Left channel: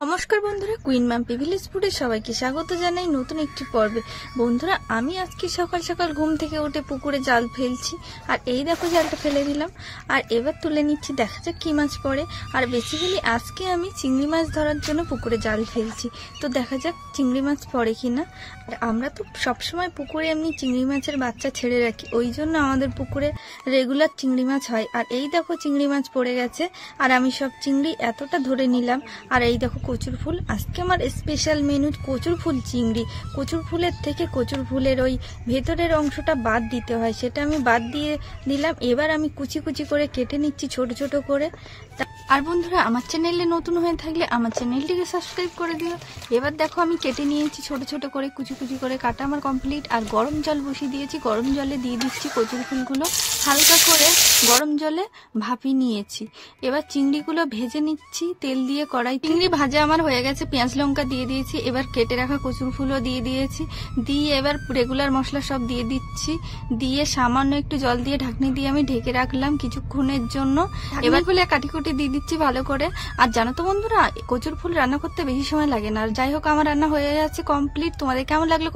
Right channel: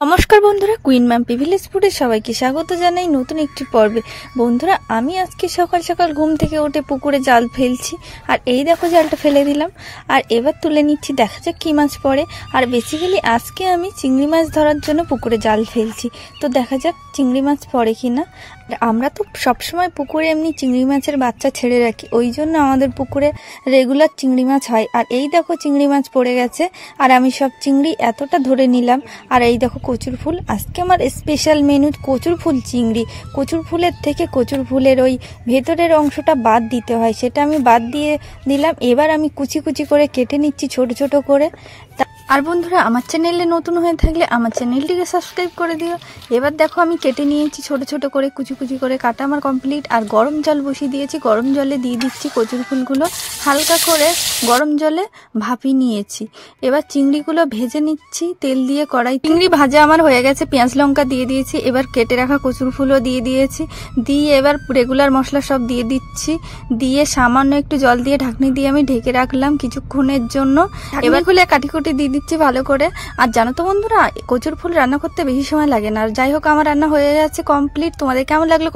নমস্কার বন্ধুরা, queen Mampi village ফুডে সবাইকে স্বাগত জানাই নতুন একটি পর্বে। বন্ধুরা, আমি আজকে সকাল সকাল ঘুম থেকে উঠে পুকুরে জাল ফেলছি। আর এই দেখো, জালটা ফেলে দিলাম। আর এবার তুলে নিচ্ছি, দেখা যাক কি মাছ পড়ে। আর বেসিক্যালি আজকে আমি চিংড়ি মাছ ধরার জন্য পুকুরে জাল ফেলছি। তো দেখা যাক চিংড়ি মাছ পড়ে কিনা। আমরা তো সবসময় পুকুরে এমনি চিংড়ি মাছের বাচ্চা ছেড়ে রাখি, ওই জন্য আমাদের পুকুরে রেগুলার চিংড়ি মাছ হয়। আর এই দেখো চিংড়ি মাছ পড়ে গেছে। আর আমি সব চিংড়ি এতটা ধরে নিলাম। আর এই দেখো কচুর ফুল, আজকে আমার স্পেশাল মেনু কচুর ফুল চিংড়ি। কচুর ফুলের থেকে কচুর ফুলের ওই ভেতরের অংশটা বাদ দিতে হয়, সেটা আমি বাদ দিয়ে দিলাম। এবার আমি কুচি কুচি করে কেটে নিচ্ছি ছোট ছোট করে। আর বন্ধুরা, আমার চ্যানেলে নতুন হয়ে থাকলে আমার চ্যানেলটিকে সাবস্ক্রাইব করে দিও। এবার দেখো আমি কেটে নিয়েছি ছোট ছোট করে, কুচি কুচি করে কাটা আমার কমপ্লিট। আর গরম জল বসিয়ে দিয়েছি, গরম জলে দিয়ে দিচ্ছি কচুর ফুলগুলো। হালকা করে গরম জলে ভাপিয়ে নিয়েছি। এবার চিংড়িগুলো ভেজে নিচ্ছি তেল দিয়ে কড়াই। চিংড়ি ভাজা আমার হয়ে গেছে, পেঁয়াজ লঙ্কা দিয়ে দিয়েছি। এবার কেটে রাখা কচুর ফুলও দিয়ে দিয়েছি। দিয়ে এবার রেগুলার মশলা সব দিয়ে দিচ্ছি। দিয়ে সামান্য একটু জল দিয়ে ঢাকনি দিয়ে আমি ঢেকে রাখলাম কিছুক্ষণের জন্য। এবার খুলে কাটি কুটি দিয়ে দিচ্ছি ভালো করে। আর জানো তো বন্ধুরা, কচুর ফুল রান্না করতে বেশি সময় লাগে না। আর যাই হোক, আমার রান্না হয়ে যাচ্ছে কমপ্লিট। তোমাদের কেমন লাগলো?